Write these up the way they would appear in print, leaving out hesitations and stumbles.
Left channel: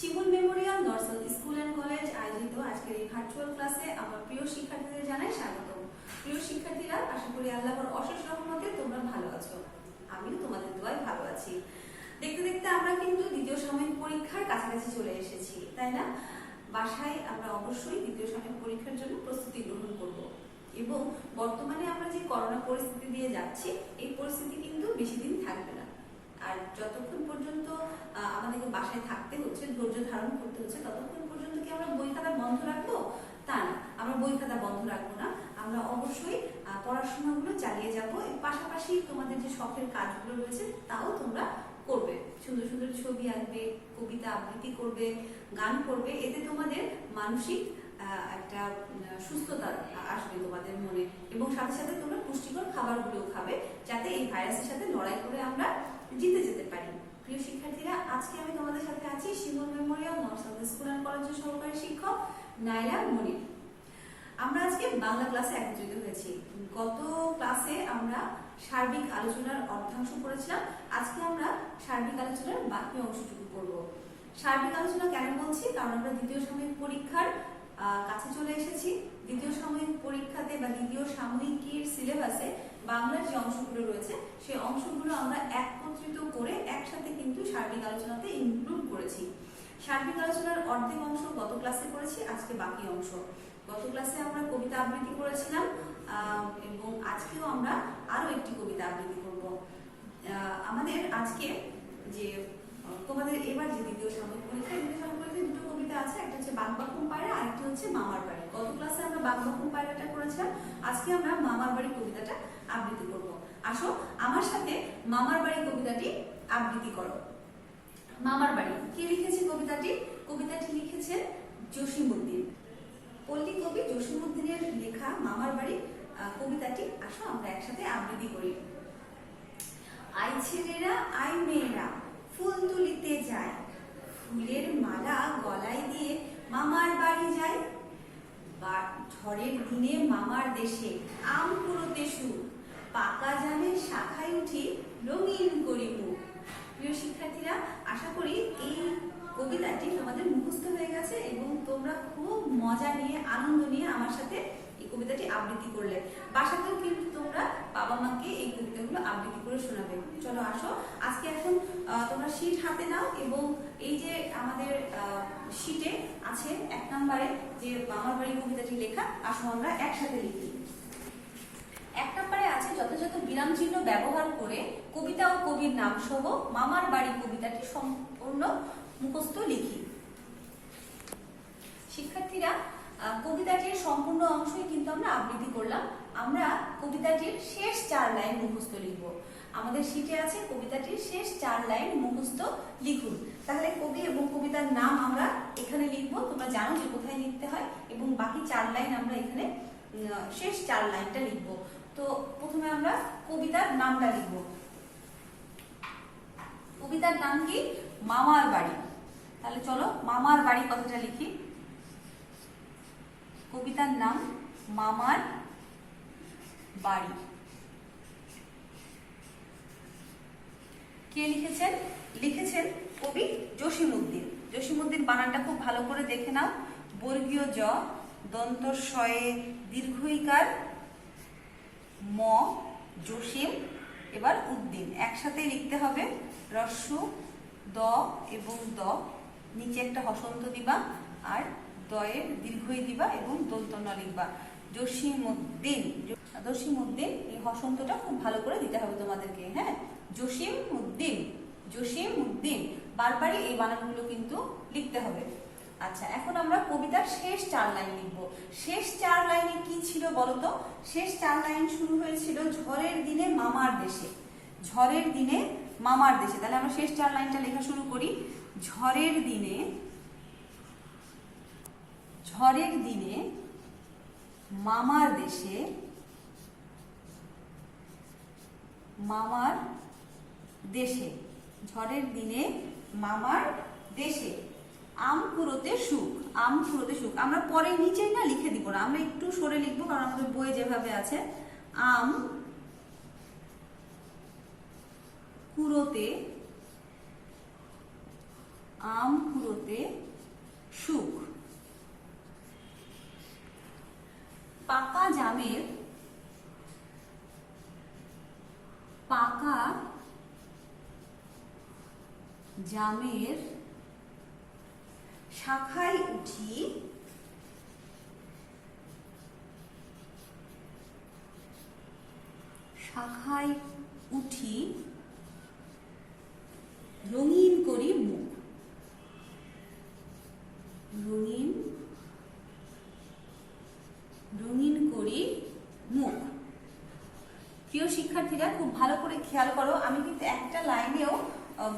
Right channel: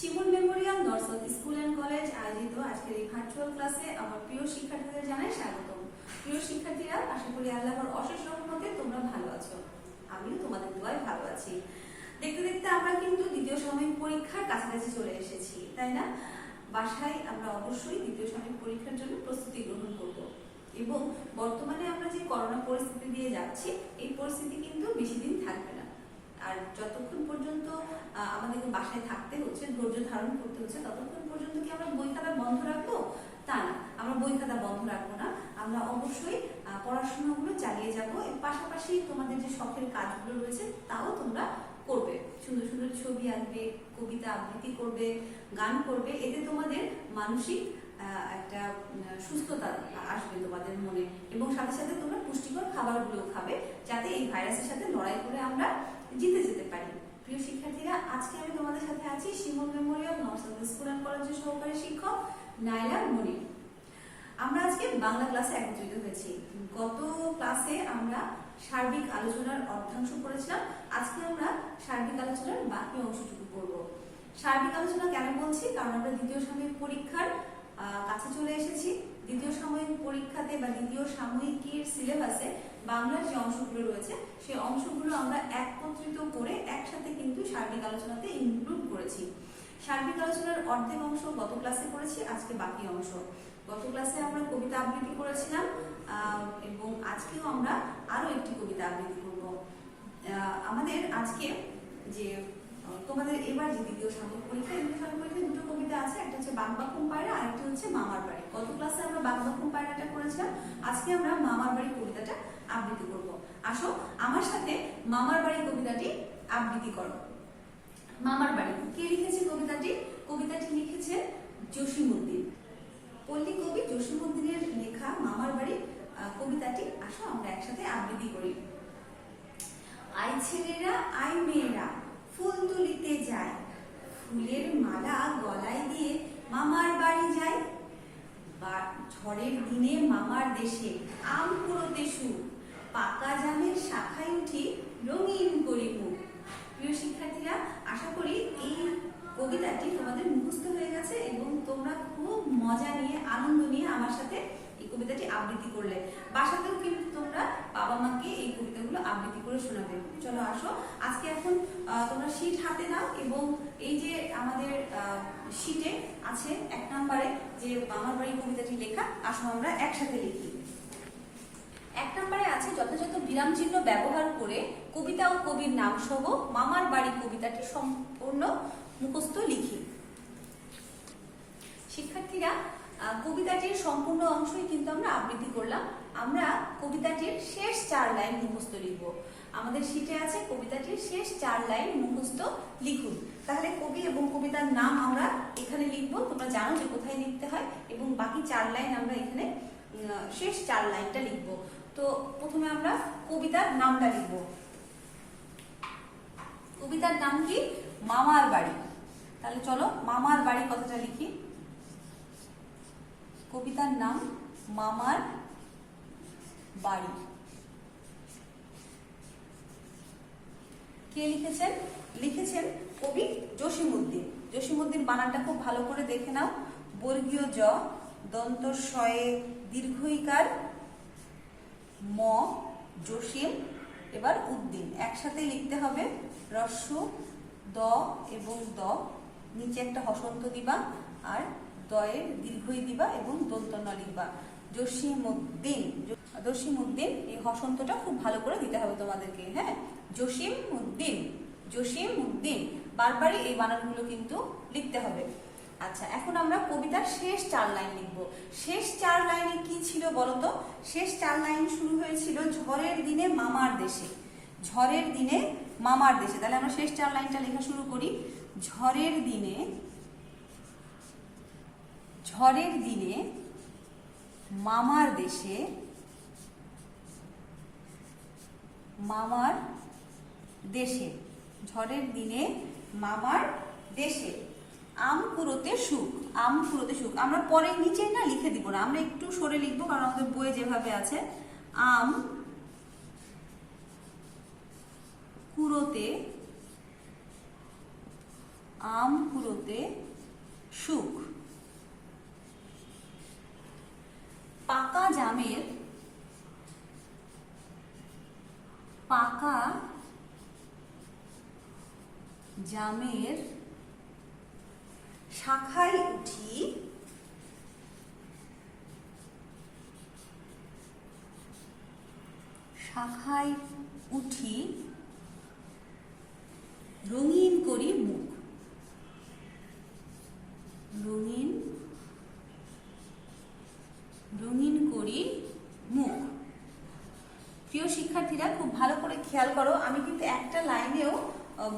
Shimul Memorial north school and college আয়োজিত আজকের এই ভার্চুয়াল ক্লাসে আমার প্রিয় শিক্ষার্থীদের জানাই স্বাগতম। প্রিয় শিক্ষার্থীরা, আশা করি আল্লাহর অশেষ রহমতে তোমরা ভালো আছো। আমিও তোমাদের দোয়ায় ভালো আছি। দেখতে দেখতে আমরা কিন্তু দ্বিতীয় সাময়িক পরীক্ষার কাছাকাছি চলে এসেছি, তাই না? বাসায় আমরা অবশ্যই দ্বিতীয় সাময়িক পরীক্ষার জন্য প্রস্তুতি গ্রহণ করব এবং বর্তমানে আমরা যে করোনা পরিস্থিতি দিয়ে যাচ্ছি, এই পরিস্থিতি কিন্তু বেশি দিন থাকবে না। আর যতক্ষণ পর্যন্ত আমাদেরকে বাসায় থাকতে হচ্ছে, ধৈর্য ধারণ করতে হচ্ছে, ততক্ষণ পর্যন্ত কি আমরা বই খাতা বন্ধ রাখবো? তা না, আমরা বই খাতা বন্ধ রাখবো না। আমরা অবশ্যই পড়াশোনাগুলো চালিয়ে যাব। এর পাশাপাশি তোমাদের যে শখের কাজগুলো রয়েছে তাও তোমরা করবে। সুন্দর সুন্দর ছবি আঁকবে, কবিতা আবৃত্তি করবে, গান করবে। এতে তোমাদের মানসিক একটা সুস্থতা আসবে তোমাদের মনে, এবং সাথে সাথে তোমরা পুষ্টিকর খাবারগুলো খাবে, যাতে এই ভাইরাসের সাথে লড়াই করে আমরা জিতে যেতে পারি। প্রিয় শিক্ষার্থীরা, আজকে আমি তোমাদের সাথে আছি শিমুল মেমোরিয়াল নর্থ স্কুল অ্যান্ড কলেজের সহকারী শিক্ষক নাইলা মনির। আমরা আজকে বাংলা ক্লাসে একত্রিত হয়েছি। গত ক্লাসে আমরা সার্বিক আলোচনার অর্ধাংশ করেছিলাম। আজকে আমরা সার্বিক আলোচনার বাকি অংশটুকু করব। সার্বিক আলোচনা কেন বলছি? কারণ আমরা দ্বিতীয় সাময়িক পরীক্ষার কাছে চলে এসেছি। দ্বিতীয় সাময়িক পরীক্ষাতে বা দ্বিতীয় সাময়িকের সিলেবাসে বাংলার যে অংশগুলো রয়েছে, সেই অংশগুলো আমরা একত্রিত করে একসাথে কিন্তু সার্বিক আলোচনাতে ইনক্লুড করেছি। সার্বিক আলোচনার অর্ধেক অংশ গত ক্লাসে করেছি, আজকে বাকি অংশ। গত ক্লাসে আমরা কবিতা আবৃত্তি করেছিলাম এবং আজকেও আমরা আরো একটি কবিতা আবৃত্তি করব। আমাদের আজকে যে তোমাদের এবার যে দ্বিতীয় সাময়িক পরীক্ষা, দ্বিতীয় সাময়িক পরীক্ষায় দুটো কবিতা আছে, একটা হচ্ছে বাগবাকুম পায়রা, আরেকটি হচ্ছে মামার বাড়ি। গত ক্লাসে আমরা বাগবাকুম পায়রাটা করেছিলাম, আজকে আমরা মামার বাড়ি কবিতাটা আবৃত্তি করব। আসো আমার সাথে মামার বাড়ি কবিতাটি আবৃত্তি করো। মামার বাড়ি কে লিখেছে কবিতাটি? কবিতাটি লিখেছেন জসিমউদ্দিন। পল্লী কবি জসিমউদ্দিনের লেখা মামার বাড়ি কবিতাটি আসো আমরা একসাথে আবৃত্তি করি। আই ছেলেরা আই মেয়েরা ফুল তুলিতে যায়, ফুলের মালা গলায় দিয়ে মামার বাড়ি যায়। ঝড়ের দিনে মামার দেশে আম কুড়োতে সুর, পাকা জামের শাখায় উঠি রঙিন করি মুখ। প্রিয় শিক্ষার্থীরা, আশা করি এই কবিতাটি তোমাদের মুখস্থ হয়ে গেছে এবং তোমরা খুব মজা নিয়ে, আনন্দ নিয়ে আমার সাথে এই কবিতাটি আবৃত্তি করলে। বাসাতেও কিন্তু তোমরা বাবা মাকে এই কবিতাগুলো আবৃত্তি করে শোনাবে। চলো আসো, আজকে এখন তোমরা শীট হাতে নাও এবং এই যে আমাদের শীটে আছে 1 নম্বরে যে মামার বাড়ি কবিতাটি লেখা, আসো আমরা একসাথে লিখি। 1 নম্বরে আছে যথাযথ বিরাম চিহ্ন ব্যবহার করে কবিতা ও কবির নাম সহ মামার বাড়ি কবিতাটি সম্পূর্ণ মুখস্থ লিখি। শিক্ষার্থীরা, কবিতাটির সম্পূর্ণ অংশই কিন্তু আমরা আবৃত্তি করলাম। আমরা কবিতাটির শেষ 4 লাইন মুখস্থ লিখব। আমাদের শীটে আছে কবিতাটির শেষ 4 লাইন মুখস্থ লিখুন। তাহলে কবি এবং কবিতার নাম আমরা এখানে লিখব। তোমরা জানো যে কোথায় লিখতে হয়, এবং বাকি 4 লাইন আমরা এখানে শেষ 4 লাইনটা লিখব। তো প্রথমে আমরা কবিতার নামটা লিখব। কবিতার নাম কি? মামার বাড়ি। তাহলে চলো মামার বাড়ি কথাটা লিখি। কবিতার নাম মামার বাড়ি। কে লিখেছেন? লিখেছেন কবি জসিমউদ্দিন। জসিমউদ্দিন বানানটা খুব ভালো করে দেখে নাও। বর্গীয় জ, দন্ত শয়ে দীর্ঘইকার ম, জসিম, এবার উদ্দিন একসাথে লিখতে হবে। রস্য দ এবং দ, নিচে একটা হসন্ত দিবা, আর দয়ের দীর্ঘই দিবা এবং দন্ত ন লিখবা। জসিমউদ্দিন। জসিমউদ্দিন, এই হসন্তটা খুব ভালো করে দিতে হবে তোমাদেরকে। হ্যাঁ, জসিমউদ্দিন, জসিমউদ্দিন, বারবারই এই বানানগুলো কিন্তু লিখতে হবে। আচ্ছা, এখন আমরা কবিতার শেষ 4 লাইন লিখব। শেষ 4 লাইনে কি ছিল বলতো? শেষ 4 লাইন শুরু হয়েছিল ঝড়ের দিনে মামার দেশে। ঝড়ের দিনে মামার দেশে। তাহলে আমরা শেষ 4 লাইনটা লেখা শুরু করি। ঝড়ের দিনে, ঝড়ের দিনে মামার দেশে, মামার দেশে, ঝড়ের দিনে মামার দেশে আম কুড়োতে সুখ। আম কুড়োতে সুখ আমরা পরে নিচে না লিখে দিব না, আমরা একটু সরে লিখবো, কারণ আমাদের বইয়ে যেভাবে আছে আম কুড়োতে আম কুড়োতে সুখ। পাকা জামের শাখায় উঠি রঙিন করি মুখ। রঙিন করি মুখ। প্রিয় শিক্ষার্থীরা, খুব ভালো করে খেয়াল করো, আমি কিন্তু একটা লাইনেও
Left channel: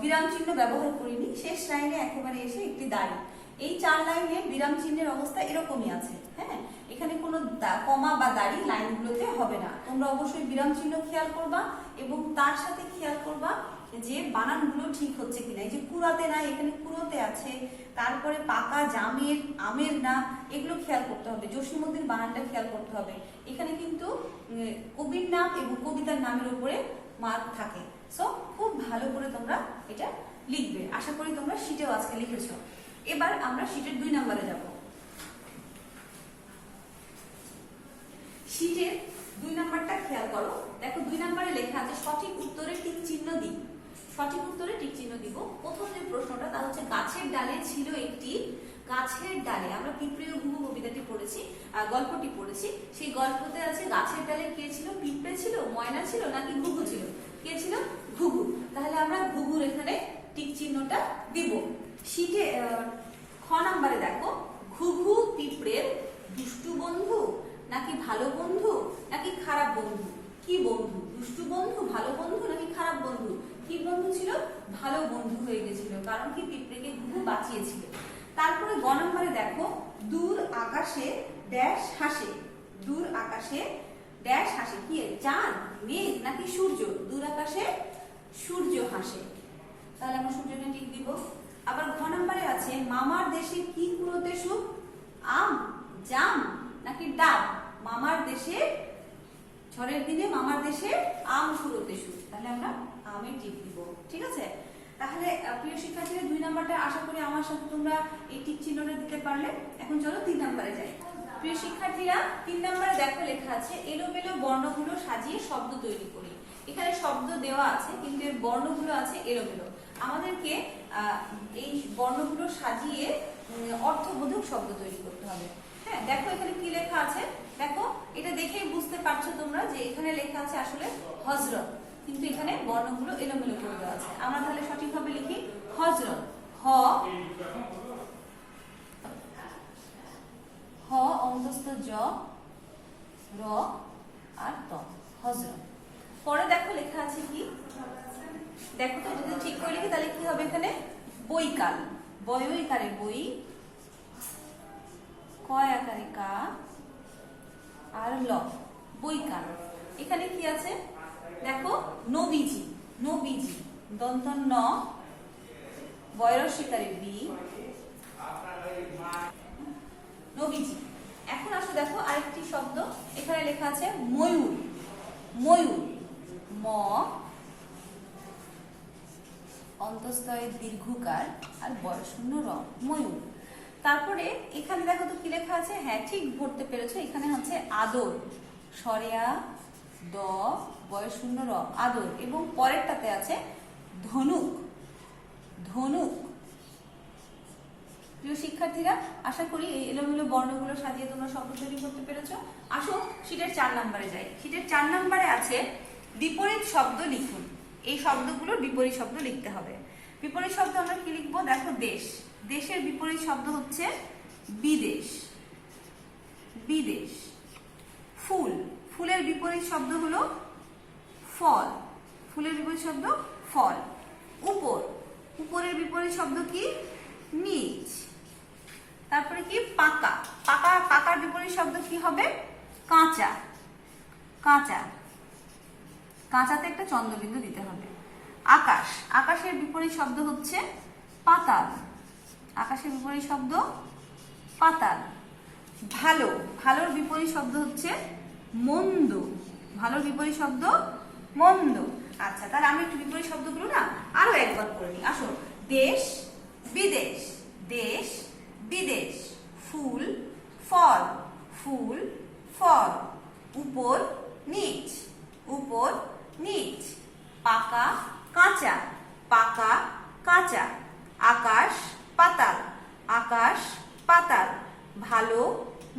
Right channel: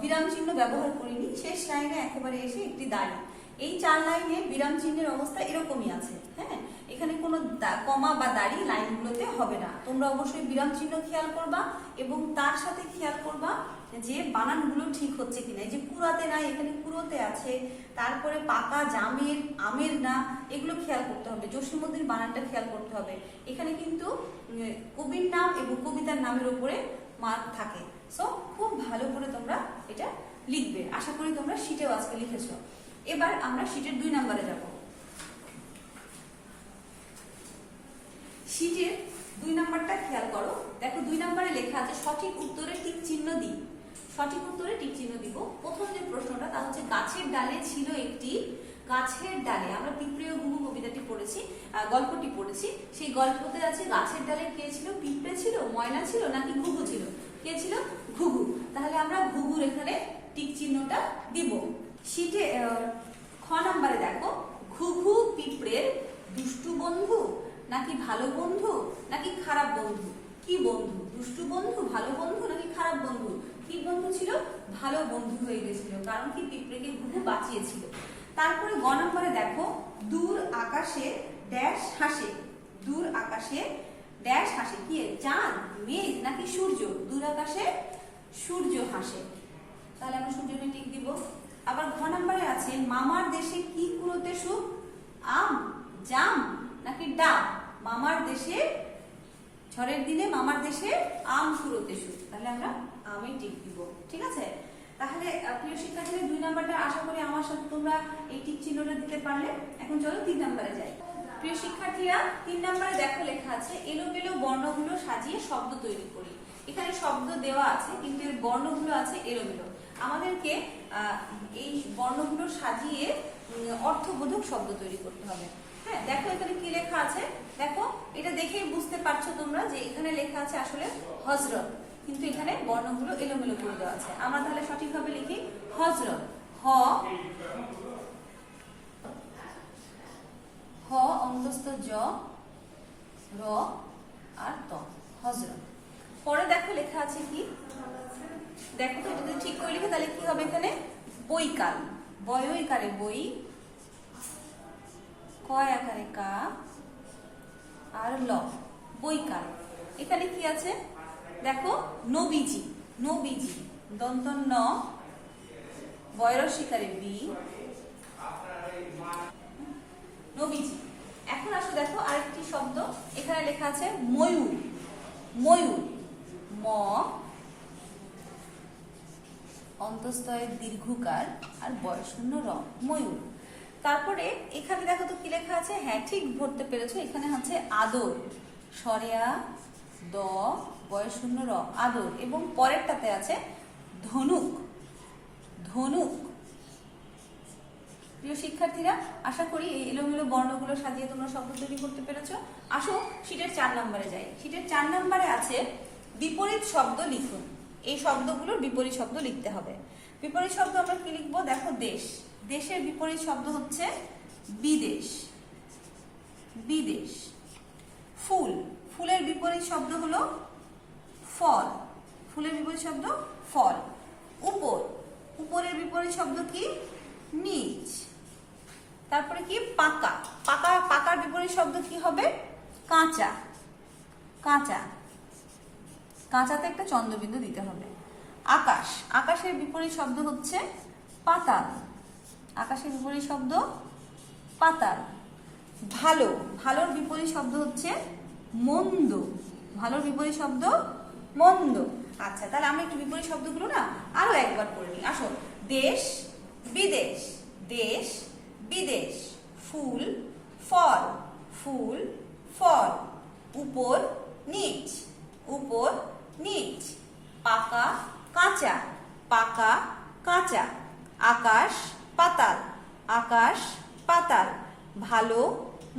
বিরাম চিহ্ন ব্যবহার করিনি। শেষ লাইনে একেবারে এসে একটি দাড়ি। এই 4 লাইনে বিরাম চিহ্নের অবস্থা এরকমই আছে। হ্যাঁ, এখানে কোনো কমা বা দাড়ি লাইনগুলোতে হবে না। তোমরা অবশ্যই বিরাম চিহ্ন খেয়াল করবা এবং তার সাথে খেয়াল করবা যে বানানগুলো ঠিক হচ্ছে কিনা। এই যে কুড়াতে নাই, এখানে কুড়োতে আছে। তারপরে পাকা জামের, আমের না, এগুলো খেয়াল করতে হবে। জসীমউদ্দিন বানানটা খেয়াল করতে হবে। এখানে কিন্তু কবির নাম এবং কবিতার নামের উপরে মার্ক থাকে। সো খুব ভালো করে তোমরা এটা লিখবে। আশা করি তোমরা শীটেও আজকে লিখেছো। এবার আমরা শীটের 2 নম্বরে যাব। শীটের 2 নম্বরটা খেয়াল করো। দেখো 2 নম্বরে লেখা আছে সঠিক উত্তরে টিক চিহ্ন দিই। সঠিক উত্তরে টিক চিহ্ন দিব। প্রথম যে প্রশ্নটা তা হচ্ছে গাছের ডালে ছিল একটি, গাছের ডালে, আমরা পিঁপড়ে ও ঘুঘু কবিতাটি পড়েছি, গল্পটি পড়েছি। সেই গল্পতে আছে গাছের ডালে কে ছিল? পিঁপড়ে ছিল, ময়না ছিল নাকি ঘুঘু ছিল? কে ছিল? ঘুঘু। তাহলে আমরা ঘুঘুর এখানে টিক চিহ্নটা দিব। শীতে খ নম্বরে দেখো, ঘুঘু পিঁপড়ের দুষ্টু বন্ধু নাকি ভালো বন্ধু নাকি খারাপ বন্ধু? কি বন্ধু? দুষ্টু বন্ধু, ভালো বন্ধু নাকি খারাপ বন্ধু? কি বন্ধু ছিল? ভালো বন্ধু হয়ে গেছিল, কারণ কি পিঁপড়েকে ঘুঘু বাঁচিয়েছিল। তারপরে গ নম্বরে দেখো, দূর আকাশে ড্যাশ হাসে। দূর আকাশে ড্যাশ হাসে, কি? চাঁদ, মেঘ নাকি সূর্য? দূর আকাশে সূর্য হাসে। তাহলে আমরা সূর্যকে টিক দিব। আবার ঘ নম্বরে আছে মামার দেশে কি কুড়োতে সুখ? আম, জাম নাকি ডাব? মামার দেশে, ঝড়ের দিনে মামার দেশে আম কুড়োতে সুখ। তাহলে আমরা আমে টিক দিব। ঠিক আছে? তাহলে প্রিয় শিক্ষার্থীদের 2 নম্বরটা আশা করি আমার সাথে তোমরা এই টিক চিহ্নটা দিতে পারলে। এখন চলো 3 নম্বরে যাই। প্রিয় শিক্ষার্থীরা, 3 নম্বরে দেখো লেখা আছে এলোমেলো বর্ণগুলো সাজিয়ে শব্দ তৈরি করি। এখানে শব্দ দেওয়া আছে কিন্তু এর বর্ণগুলো আছে এলোমেলো। আমাদেরকে এই বর্ণগুলো সাজিয়ে অর্থবোধক শব্দ তৈরি করতে হবে। হ্যাঁ, দেখো এখানে কি লেখা আছে। দেখো, এটা দেখেই বুঝতে পারছো তোমরা যে এখানে লেখা আছে আসলে হযরত, কিন্তু এখানে বর্ণগুলো এলোমেলো করে দেওয়া আছে। আমরা তাহলে সঠিকভাবে লিখি হযরত। হ অন্তস্থ জ, র আর ত, হযরত। পরে দেখো লেখা আছে কি, দেখো তো যদি ঠিক করে লিখি তাহলে কি হবে এখানে? বৈকাল। বয়ইকারে বই, কয় আকারে কা আর ল, বৈকাল। এখানে কি আছে দেখো, নবীজি। নবীজি, দন্ত ন, বয়রসিকারে বি, নবীজি। এখন আসো দেখো আরেকটি শব্দ এখানে লেখা আছে ময়ূর। ময়ূর, ম অন্তঃস্থয়ে দীর্ঘকার আর বয়শূন্য র, ময়ূর। তারপরে এখানে দেখো তো কি লেখা আছে। হ্যাঁ, ঠিক ধরতে পেরেছো। এখানে হচ্ছে আদর, সরেয়া দ বয়শূন্য র, আদর। এবং পরেরটাতে আছে ধনুক। ধনুক। প্রিয় শিক্ষার্থীরা, আশা করি এই এলোমেলো বর্ণগুলো সাজিয়ে তোমরা শব্দ তৈরি করতে পেরেছো। আসো শীটের 4 নম্বরে যাই। শীটের 4 নম্বরে আছে বিপরীত শব্দ লিখুন। এই শব্দগুলোর বিপরীত শব্দ লিখতে হবে। বিপরীত শব্দ আমরা কি লিখবো? দেখো, দেশ। দেশের বিপরীত শব্দ হচ্ছে বিদেশ। বিদেশ। ফুল। ফুলের বিপরীত শব্দ হলো ফল। ফুলের বিপরীত শব্দ ফল। উপর। উপরের বিপরীত শব্দ কি? নিচ। তারপরে কি? পাকা। পাকা, পাকার বিপরীত শব্দ কি হবে? কাঁচা। কাঁচা। কাঁচাতে একটা চন্দ্রবিন্দু দিতে হবে। আকাশ। আকাশের বিপরীত শব্দ হচ্ছে পাতাল। আকাশের বিপরীত শব্দ পাতাল। ভালো। ভালোর বিপরীত শব্দ হচ্ছে মন্দ। ভালোর বিপরীত শব্দ মন্দ। আচ্ছা, তাহলে আমরা একটু বিপরীত শব্দগুলো না আরো একবার পড়ে নিই। আসো, দেশ, বিদেশ, দেশ বিদেশ। ফুল ফল, ফুল ফল। উপর নিচ, উপর নিচ। পাকা কাঁচা, পাকা কাঁচা। আকাশ পাতাল, আকাশ পাতাল। ভালো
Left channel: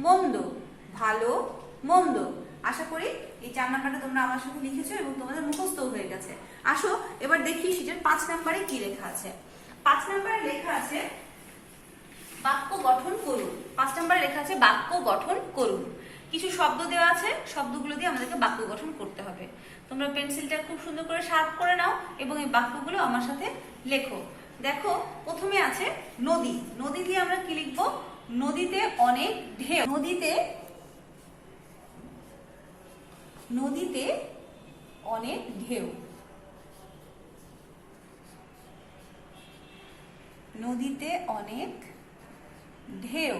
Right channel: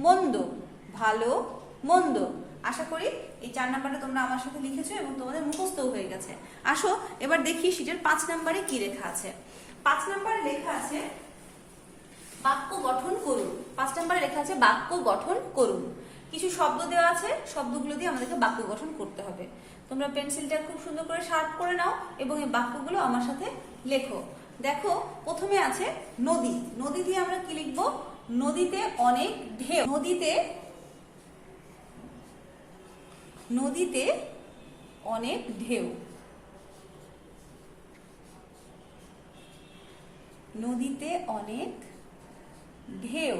মন্দ, ভালো মন্দ। আশা করি এই 4 নাম্বারটা তোমরা আমার সাথে লিখেছো এবং তোমাদের মুখস্থ হয়ে গেছে। আসো এবার দেখি শীটের 5 নাম্বারে কি লেখা আছে। 5 নাম্বারে লেখা আছে বাক্য গঠন করুন। 5 নাম্বারে লেখা আছে বাক্য গঠন করুন। কিছু শব্দ দেওয়া আছে, শব্দগুলো দিয়ে আমাদেরকে বাক্য গঠন করতে হবে। তোমরা পেন্সিলটা খুব সুন্দর করে শার্প করে নাও এবং এই বাক্যগুলো আমার সাথে লেখো। দেখো প্রথমে আছে নদী। নদী দিয়ে আমরা কি লিখবো? নদীতে অনেক ঢেউ, নদীতে নদীতে অনেক ঢেউ, নদীতে অনেক ঢেউ।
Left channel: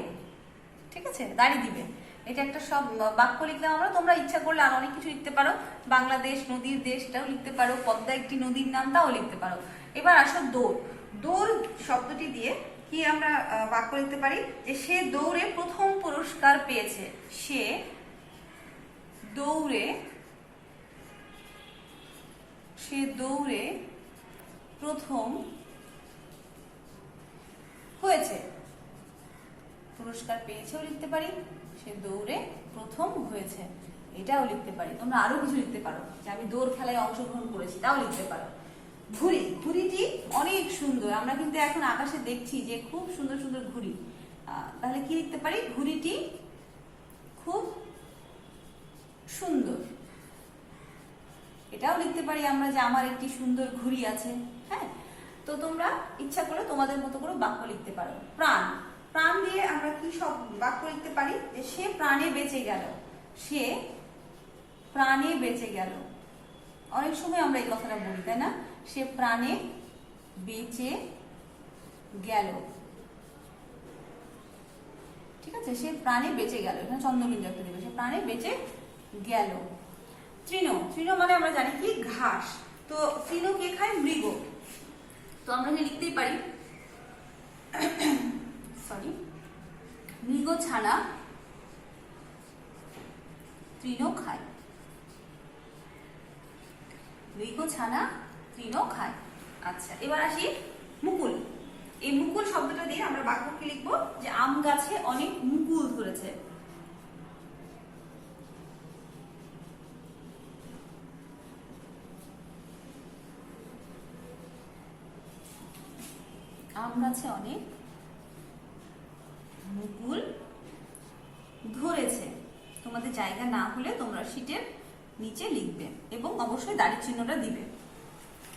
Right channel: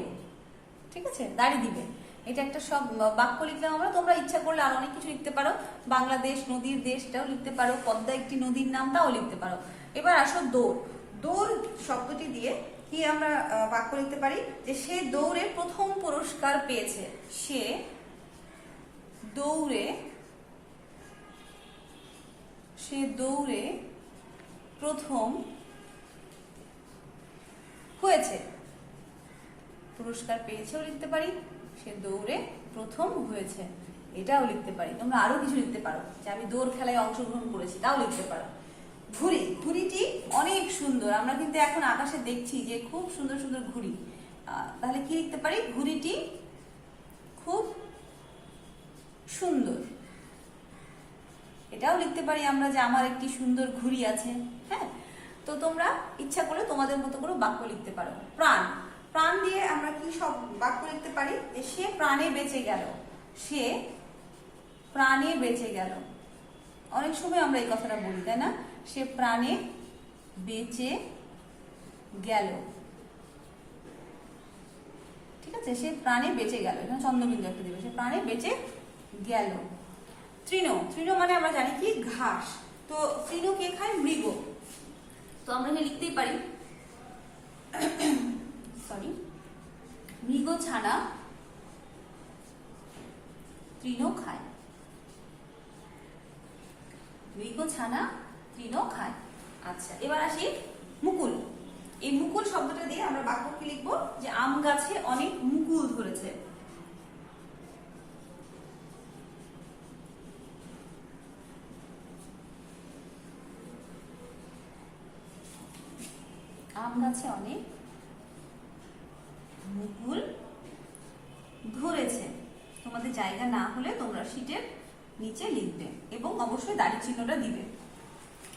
ঠিক আছে, দাঁড়িয়ে দিবে। এটা একটা সব বাক্য লিখলাম আমরা। তোমরা ইচ্ছা করলে আর অনেক কিছু লিখতে পারো, বাংলাদেশ নদীর দেশ এটাও লিখতে পারো, পদ্মা একটি নদীর নামটাও লিখতে পারো। এবার আসো দৌড়। দৌড় শব্দটি দিয়ে কি আমরা বাক্য লিখতে পারি? যে সে দৌড়ে প্রথম পুরস্কার পেয়েছে। সে দৌড়ে প্রথম হয়েছে, পুরস্কার পেয়েছেও লিখতে পারি। সে দৌড়ে প্রথম হয়েছে এটাও লিখতে পারি। তোমরা আরো কিছু লিখতে পারো, যে আমি দৌড় খেলায় অংশগ্রহণ করেছি, তাও লিখতে পারো। ঘুড়ি, ঘুড়িটি অনেক সুন্দর। আমরা কিন্তু এখন আকাশে দেখছি যে খুব সুন্দর সুন্দর ঘুড়ি। তাহলে কি লিখতে পারি? ঘুড়িটি খুব সুন্দর। এটাও লিখতে পারি আমরা যে আমার একটি সুন্দর ঘুড়ি আছে। হ্যাঁ, তো তোমরা ইচ্ছা করে তোমাদের মতো করে বাক্য লিখতে পারো। প্রাণ, প্রাণ দিয়ে আমরা কি সব বাক্য লিখতে পারি? যে সে প্রাণে বেঁচে গেল, সে প্রাণে বেঁচে গেল। অনেক সময় আমরা এই কথাটা বলি, তাই না? সে প্রাণে বেঁচে গেল। ঠিক আছে, সে প্রাণে বেঁচে গেল। এখানে চন্দ্রবিন্দু একটা দেবে। সে প্রাণে বেঁচে গেল। তৃণ, তৃণ মানে আমরা জানি কি ঘাস। তো তৃণ কে খায়? মৃগ। তো আমরা লিখতেই পারি সরি, মৃগ ছানা তৃণ খায়, মৃগ ছানা তৃণ খায়। আচ্ছা, এবার আসি মুকুল। এই মুকুল শব্দটা দিয়ে আমরা বাক্য কি লিখবো? যে আম গাছে অনেক মুকুল ধরেছে। আম গাছে অনেক মুকুল ধরেছে। তোমাদের জায়গা না হলে তোমরা শীটের নিচে লিখবে এবং অবশ্যই দাড়ি চিহ্নটা দিবে।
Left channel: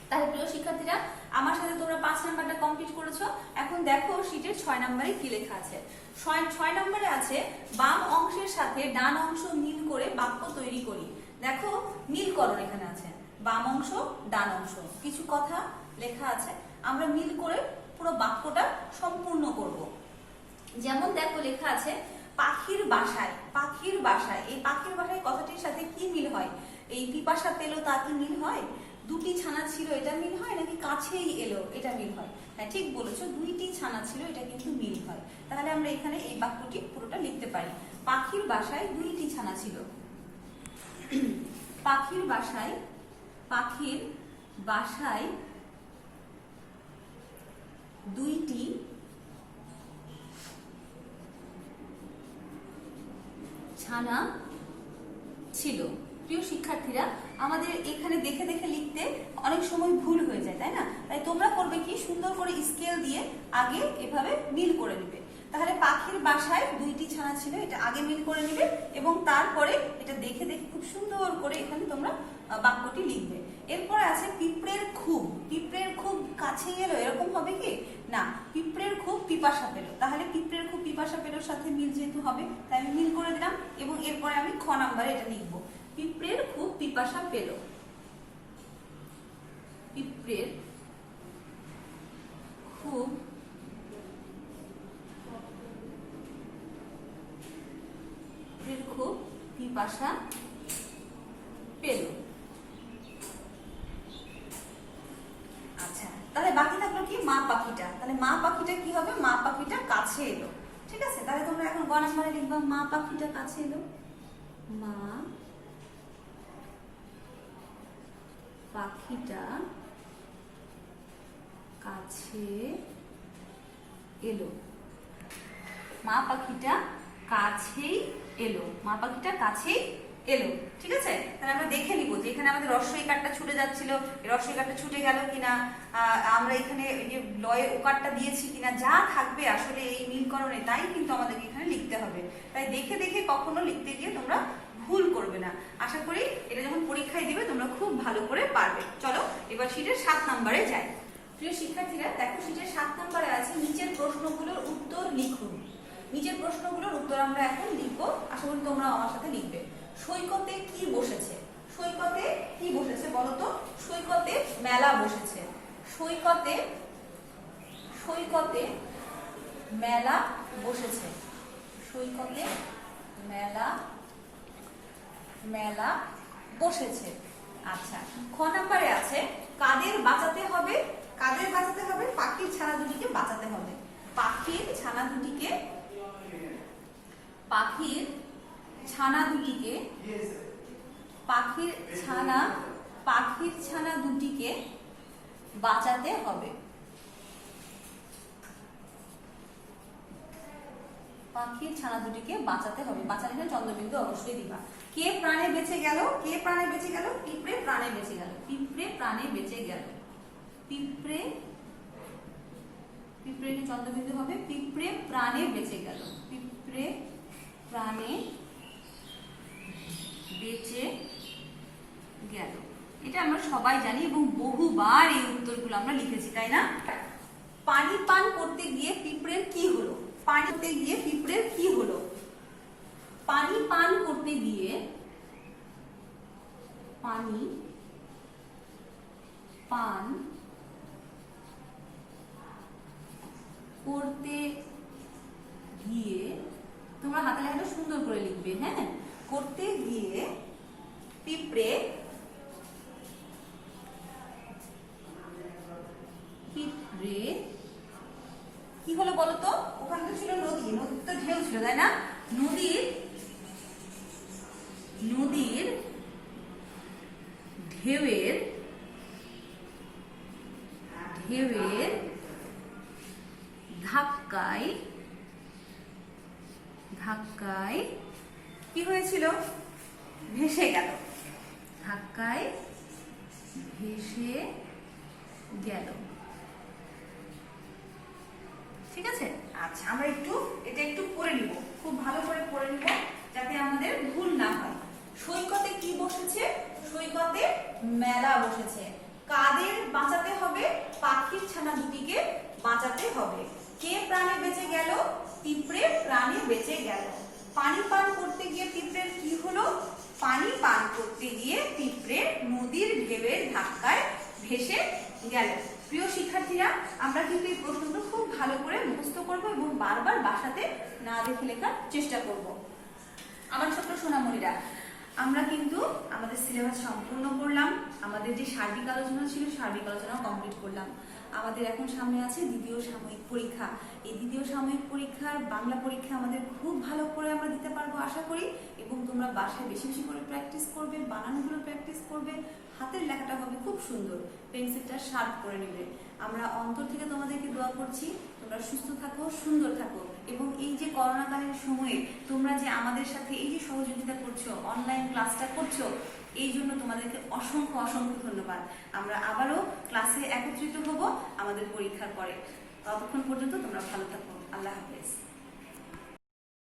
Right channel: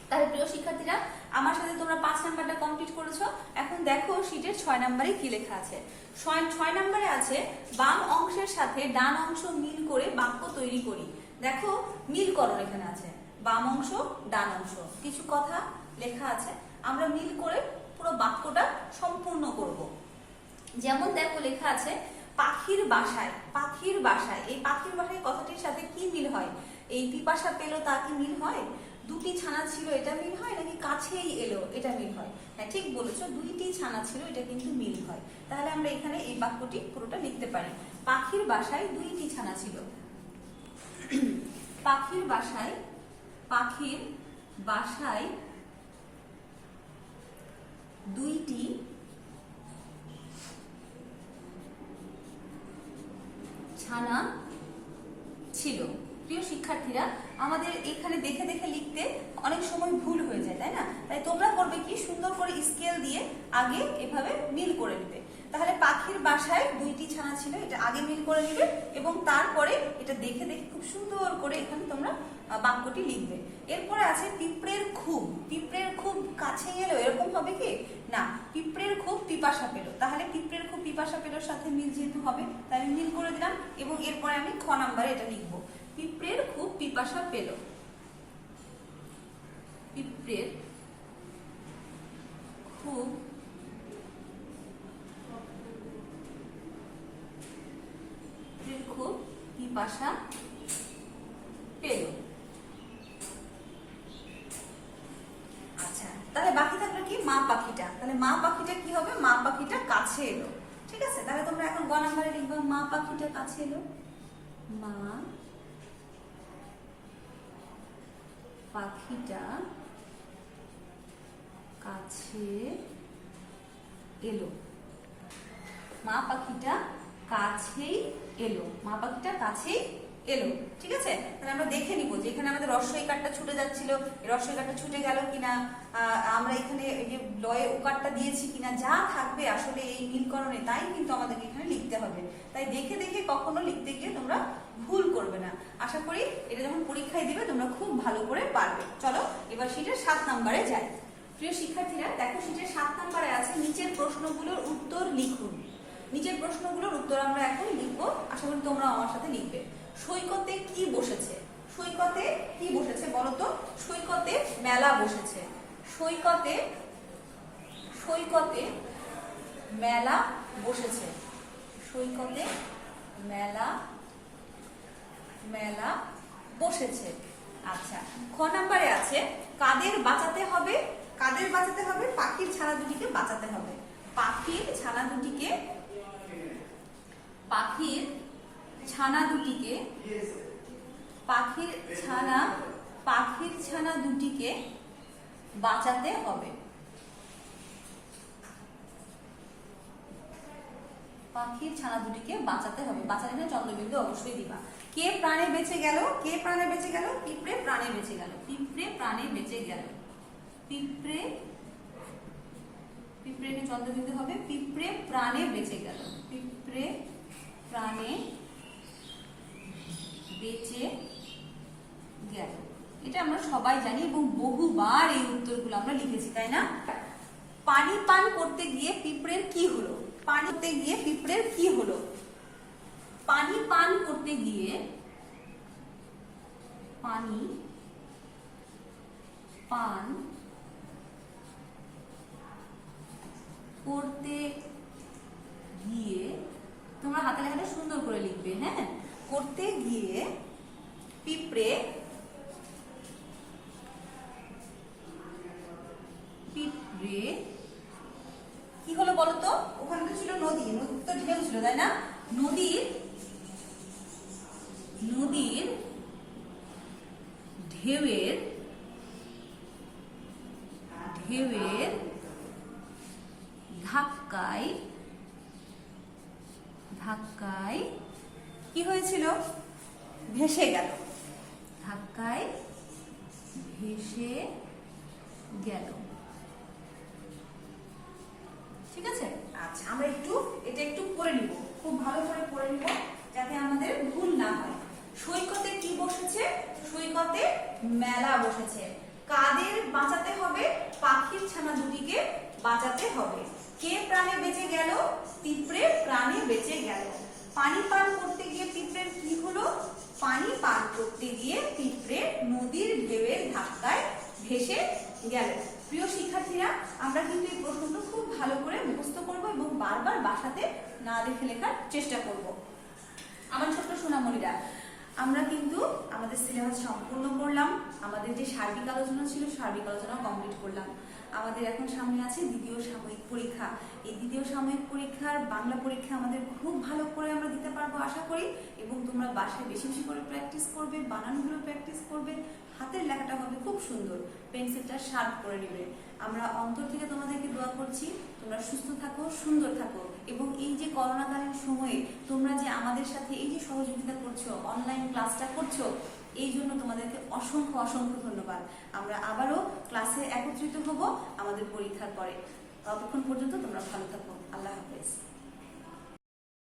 তাহলে প্রিয় শিক্ষার্থীরা, আমার সাথে তোমরা 5 নাম্বারটা কমপ্লিট করেছো। এখন দেখো শীটের 6 নাম্বারে কি লেখা আছে। 6 নাম্বারে আছে বাম অংশের সাথে ডান অংশ মিল করে বাক্য তৈরি করি। দেখো মিলকরণ এখানে আছে, বাম অংশ ডান অংশ, কিছু কথা লেখা আছে, আমরা মিল করে পুরো বাক্যটা সম্পূর্ণ করব। যেমন দেখো লেখা আছে পাখির বাসায়, পাখির বাসায়। এই পাখির বাসায় কথাটির সাথে কি মিল হয়? এই পিপাসা পেল তা কি মিল হয়? দুটি ছানা ছিল এটা মিল হয়, নাকি কাছেই এলো এটা মিল হয়? হ্যাঁ, ঠিক বলেছো, দুইটি ছানা ছিল এটা কিন্তু মিল হয়। তাহলে আমরা এখানে এই বাক্যটি পুরোটা লিখতে পারি। পাখির বাসায় দুইটি ছানা ছিল। পাখির বাসায়, পাখির বাসায় দুইটি ছানা ছিল। প্রিয় শিক্ষার্থীরা, আমাদের এখানে দেখে দেখে লিখতে অনেক সময় ভুল হয়ে যায়, তাই না? তাই তোমরা করবে কি, সুন্দর করে স্কেল দিয়ে আগে এভাবে মিল করে নেবে। তাহলে পাখির বাসায় দুইটি ছানা ছিল, এটা আগে মিল করে নেবে এবং তারপরে এটা দেখে দেখে খুব সুন্দর করে এখানে তোমরা বাক্যটি লিখবে। এরপরে আছে পিঁপড়ের খুব। পিঁপড়ের খুব কাছে গেল, এরকম হবে কি না? পিঁপড়ের খুব পিপাসা পেল। তাহলে পিঁপড়ের খুব পিপাসা পেলোর সাথে মিল যেহেতু হবে, তাই আমি মিল করে দিলাম এবং এরপরে আমি খ নাম্বারে এটা লিখবো। পিঁপড়ের খুব পিপাসা পেল, পিঁপড়ের খুব পিপাসা পেল। আচ্ছা, তাহলে বাকি থাকলো কি? মা পাখিটা। তাহলে মা পাখিটা কি হবে? মা পাখিটা কাছে এলো। ঠিক আছে, তাহলে তোমরা এখন গ নাম্বারে লিখবা মা পাখিটা কাছে এলো। মা পাখিটা কাছে এলো। মা পাখিটা কাছেই এলো। মা পাখিটা কাছেই এলো। ঠিক আছে, তাহলে আমরা দেখে নিব যে এখানে আমাদের রস্বই কারটা ছুটে যাচ্ছিল, এই রস্বই কারটা ছুটে গেল কিনা, আমরা এখানে এই যে লয়ে ওকারটা দিয়েছি কিনা, যা থাকবে আসলে এই নীলকরণে তাই কিন্তু আমাদের এখানে লিখতে হবে। তাই দেখে দেখে কখনো লিখতে গিয়ে তোমরা ভুল করবে না। আশা করি এটা যখন পরীক্ষায় দিবে তোমরা খুব ভালো করে পারবে। চলো এবার শীটের 7 নম্বরে যাই। প্রিয় শিক্ষার্থীরা, দেখো শীটের 7 নম্বরে আছে নিচের প্রশ্নগুলোর উত্তর লিখুন। নিচের প্রশ্নগুলোর উত্তর আমরা এখন লিখবো, আশা করি তোমরা আমার সাথে লিখবে। সৈকতে কি বসেছে? সৈকতে কি বসেছে বলো তো? সৈকতে মেলা বসেছে। সৈকতে মেলা বসেছে। সৈকতে মেলা বসেছে। আচ্ছা, খ নম্বরে আছে কাদের বাঁচাতে হবে? কাদের বাঁচাতে হবে? পাখির ছানা দুটিকে বাঁচাতে হবে। পাখির ছানা দুটিকে বাঁচাতে হবে। পাখির ছানা দুটিকে বাঁচাতে হবে। বাঁচাতে চন্দ্রবিন্দু অবশ্যই দিবা। কে প্রাণে বেঁচে গেল? কে প্রাণে বেঁচে গেল? পিঁপড়ে প্রাণে বেঁচে গেল। পিঁপড়ে প্রাণে বেঁচে গেল। পিঁপড়ে চন্দ্রবিন্দু হবে। পিঁপড়ে প্রাণে বেঁচে গেল। পিঁপড়ে প্রাণে বেঁচে গেল। এটা আমরা সবাই জানি এবং বহুবার এই উত্তরগুলো আমরা লিখেছি, তাই না? পানি পান করতে গিয়ে পিঁপড়ের কি হলো? পানি করতে গিয়ে পিঁপড়ের কি হলো? পানি পান করতে গিয়ে পানি পান করতে গিয়ে, তোমরা হাতে লেখাটা সুন্দর করে লিখবে, হ্যাঁ? করতে গিয়ে পিঁপড়ে কি হলো বলো তো? ওখানে তো ছিল নদী, নদীর তো ঢেউ ছিল, তাই না? নদীর ঢেউয়ের ধাক্কায় কি হয়েছিল? ভেসে গেল। ধাক্কায় ভেসে গেল। ঠিক আছে, আচ্ছা আমরা এটা একটু পড়ে নিব, খুব ভালো করে পড়ে নিব যাতে আমাদের ভুল না হয়। সৈকতে কি বসেছে? সৈকতে মেলা বসেছে। কাদের বাঁচাতে হবে? পাখির ছানা দুটিকে বাঁচাতে হবে। কে প্রাণে বেঁচে গেল? পিঁপড়ে প্রাণে বেঁচে গেল। পানি পান করতে গিয়ে পিঁপড়ের কি হলো? পানি পান করতে গিয়ে পিঁপড়ে নদীর ঢেউয়ের ধাক্কায় ভেসে গেল। প্রিয় শিক্ষার্থীরা, আমরা কিন্তু এই প্রশ্নটা খুব ভালো করে মুখস্থ করব এবং বারবার বাসাতে না দেখে লেখার চেষ্টা করব। আমার ছোট্ট সোনামণিরা, আমরা কিন্তু আমাদের সিলেবাস সম্পূর্ণ করলাম। আমাদের যে সার্বিক আলোচনা ছিল, সার্বিক আলোচনা কমপ্লিট করলাম। আমাদের এখন সামনে আছে দ্বিতীয় সাময়িক পরীক্ষা। এই দ্বিতীয় সাময়িক পরীক্ষার বাংলা পরীক্ষা আমাদের খুব ভালো করে আমরা দিতে পারবো আশা করি। এবং তোমরা বাসায় বেশি বেশি করে প্র্যাকটিস করবে, বানানগুলো প্র্যাকটিস করবে, হাতের লেখাটা হবে খুব সুন্দর, পেন্সিলটা শার্প করে নেবে। আমরা অন্তর থেকে তোমাদেরকে দোয়া করছি তোমরা সুস্থ থাকো, সুন্দর থাকো এবং এই যে করোনাকালীন সময়ে তোমরা যে আমাদের সাথে এই যে সহযোগিতা করছো, অনলাইন ক্লাসটা করছো, এই জন্য তোমাদেরকে অসংখ্য অসংখ্য ধন্যবাদ। আমরা আবারও ক্লাসে একত্রিত হব আমাদের পরীক্ষার পরে। ততক্ষণ পর্যন্ত তোমরা ভালো থাকো। আল্লাহ হাফেজ।